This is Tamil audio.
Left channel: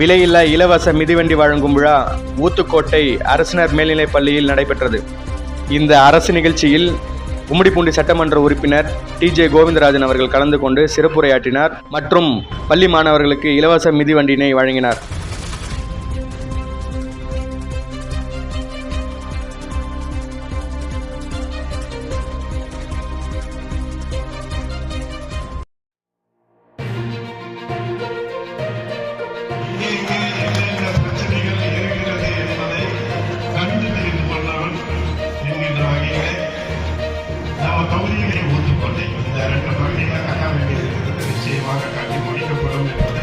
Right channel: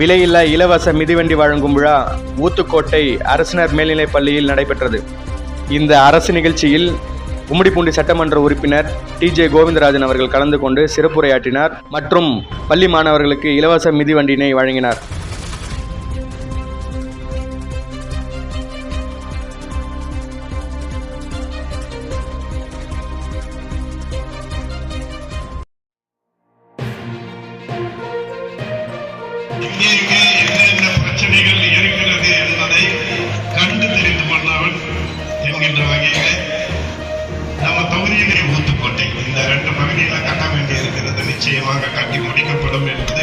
விலையில்லா இலவச மிதிவண்டி வழங்கும் விழா ஊத்துக்கோட்டை அரசினர் மேல்நிலைப் பள்ளியில் நடைபெற்றது. இந்த அரசு நிகழ்ச்சியில் கும்மிடிப்பூண்டி சட்டமன்ற உறுப்பினர் TJ கோவிந்தராஜன் அவர்கள் கலந்து கொண்டு சிறப்புரையாற்றினார் மற்றும் பள்ளி மாணவர்களுக்கு இலவச மிதிவண்டியினை வழங்கினார். எங்கெங்கே என்னென்ன பிரச்சனைகள் இருக்கிறது என்பதை கண்டு தெரிந்து கொண்டவன் என்கின்ற வகையிலே நம்ம தொகுதியிலே ஊத்துக்கோட்டை இந்த 2 பகுதிகளை கட்ட வேண்டி இருக்கிறது. நிச்சயமாக கட்டி முடிக்கப்படும் என்பது